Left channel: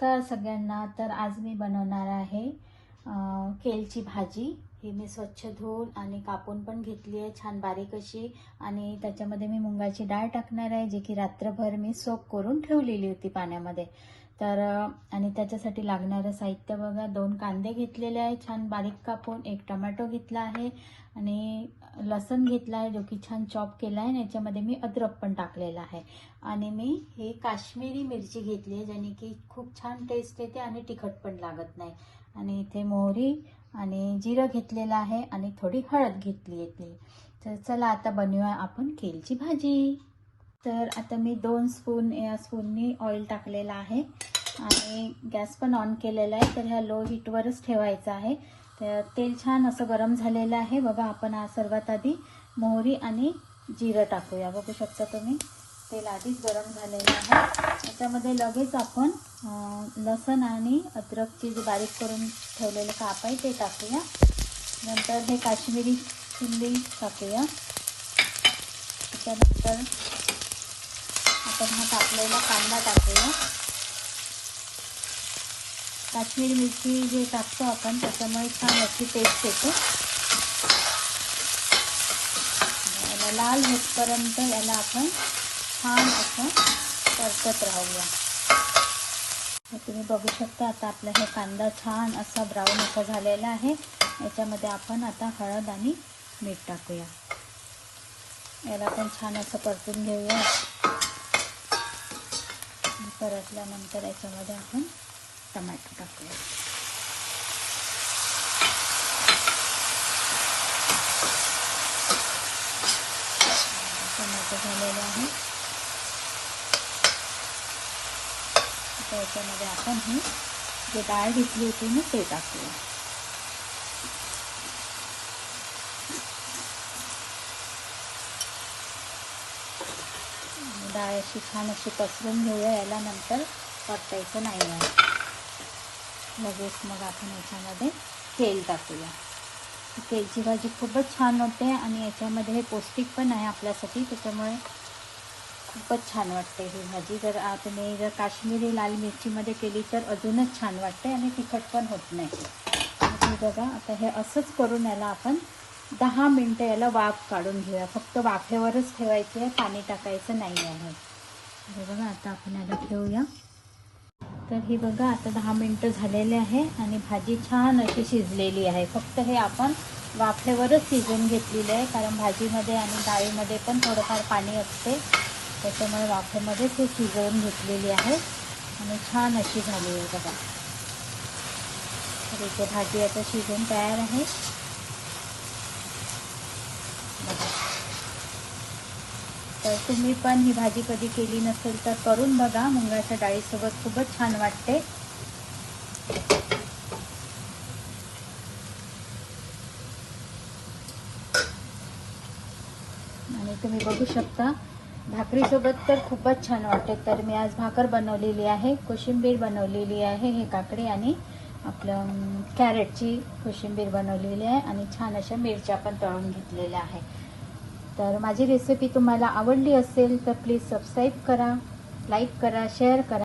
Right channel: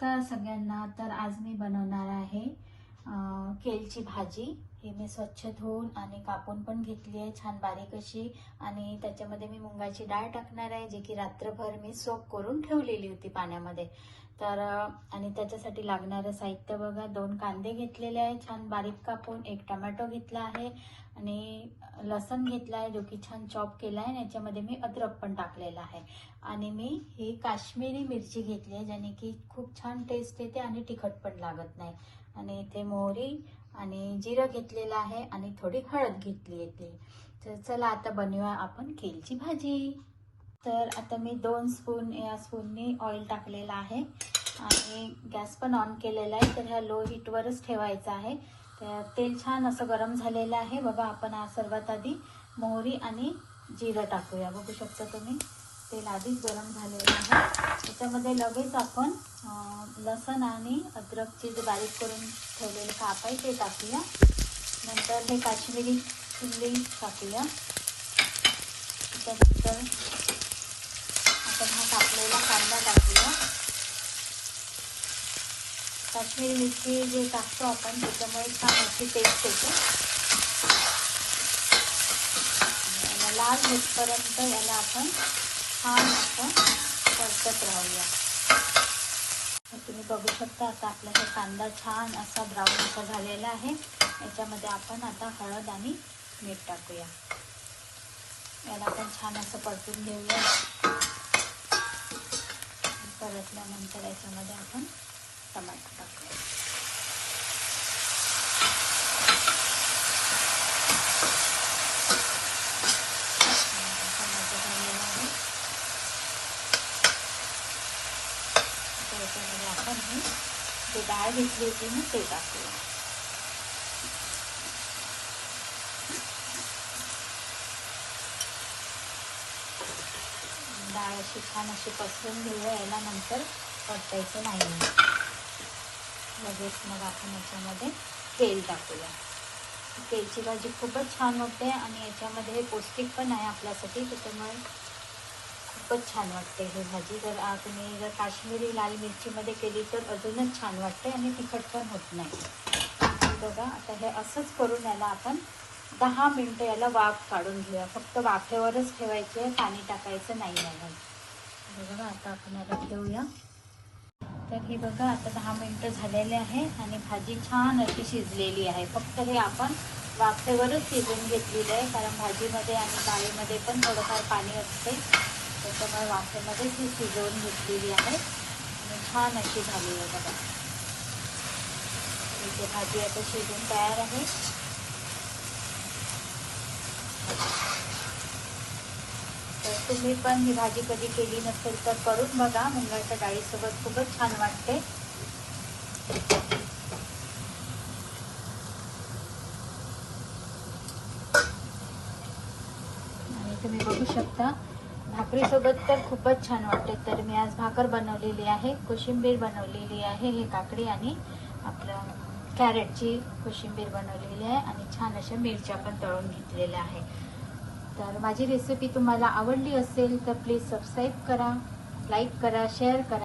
नमस्कार सगळ्यांना। तर आज मी बनवणार आहे केलची भाजी। ही मी स्वच्छ धुवून आणि कापून पण घेतली आहे छान बारीक अशी, आणि त्याच्यामध्ये मी मुंगाची डाळ टाकणार आहे जी की रात्रभर मी सोक करून ठेवलेली होती पाण्यामध्ये। तर आणि त्याच्यासाठी लागणारे साहित्य बघा, 2 कांदे घेतलेले आहे छान बारीक कापून, 1 टोमॅटो घेतला आहे आणि लसूण घेतला आहे जो की छान चॉप केला आहे। याच्यामध्ये मी अद्रक पण टाकलेला आहे आणि मी ही काश्मीरी मिरची घेतली आहे ज्याने की खूप छान टेस्ट येते आणि तिखट पण लागत नाही। आणि इथे मोहरी आणि जिरं घेतलेलं आहे आणि थोडी हळद घेतली आहे। तर चला आता बनवूया आपण केलची भाजी। तर आता मी 2 स्पून या स्पूननी ऑइल टाकलेला आहे आणि गॅस पण ऑन केलेला आहे। तर ह्या लो हीटवरच ठेवायचा आहे। तर तेल छान असं गरम झालेलं आहे बघा। आपण सर्वात आधी मोहरी आणि जिरं टाकूया। बघू शकता तुम्ही तेल आधीच गरम झालेलं आहे। त्याच्यामध्ये लगेच आपण लसूण आणि अद्रकची जे बारीक करून ठेवलेले काप आहे ते टाकूया। नंतर हे काश्मीरी चिल्ली टाकूया। त्यानंतर आपण टाकलेला कांदा टाकूया। काश्मीरी मिरची जे टाकतो आपण त्याच्यामुळे छान अशी टेस्ट येते। लाल होईपर्यंत याला आपण छान असं परतत राहूया। तुम्ही बघू शकता आता आपला हा कांदा छान असा ब्राऊन असा झालेला आहे। याच्यामध्ये आपण आता हळद आणि मीठ टाकूया। याला पण छान असं परतून घेऊया। परतल्यानंतर याच्यामध्ये आपण टमाटर टाकूया। त्याच्यामध्ये आपण ही जे डाळ घेतली होती ना ते टाकूया। डाळ अशी छान अशी पसरून घेऊया। याला नंतर परतायचं नाही आहे। लगेच मग आपण याच्यामध्ये तेल टाकूया। केलची भाजी खूपच छान होते आणि याच्यामध्ये हे पौष्टिक पण आहे आपल्यासाठी, त्याच्यामुळे खूपच छान वाटते ही भाजी। जर तुम्ही जर काश्मीरी लाल मिरचीमध्ये केली तर अजूनच छान वाटते आणि तिखट पण होत नाही। बघा आता हे असंच करून याला आपण 10 मिनिटं याला वाफ काढून घेऊया। फक्त वाफेवरच ठेवायचं आहे, पाणी टाकायचं नाही आहे। बघा आता आपण याला ठेवूया। तर ही बघा आता 10 मिनिटं झालेले आहे आणि भाजी छान अशी शिजलेली आहे। फक्त हे आपण वाफेवरच शिजवून घेतलेली आहे, कारण भाजीमध्ये आणि डाळीमध्ये पण थोडंफार पाणी असते, त्याच्यामुळे वाफेमध्ये ते शिजवून घेतलेली आहे आणि छान अशी झाली आहे बघा। तर भाजी आता शिजून तयार आहे। तर तुम्ही पण ही भाजी कधी केली नसेल तर करून बघा। मुगाच्या डाळीसोबत खूपच छान वाटते। आणि तुम्ही बघू शकता भाकरीसोबत तर खूपच छान वाटते। तर मी आज भाकर बनवलेली आहे, कोशिंबीर बनवलेली आहे, हे काकडी आणि आपलं कॅरेटची कोशिंबीर बनवलेली आहे आणि छान अशा मिरच्या पण तळून घेतलेल्या आहे। तर माझी रेसिपी तुम्हाला आवडली असेल तर प्लीज सबस्क्राईब करा, लाईक करा, शेअर करा।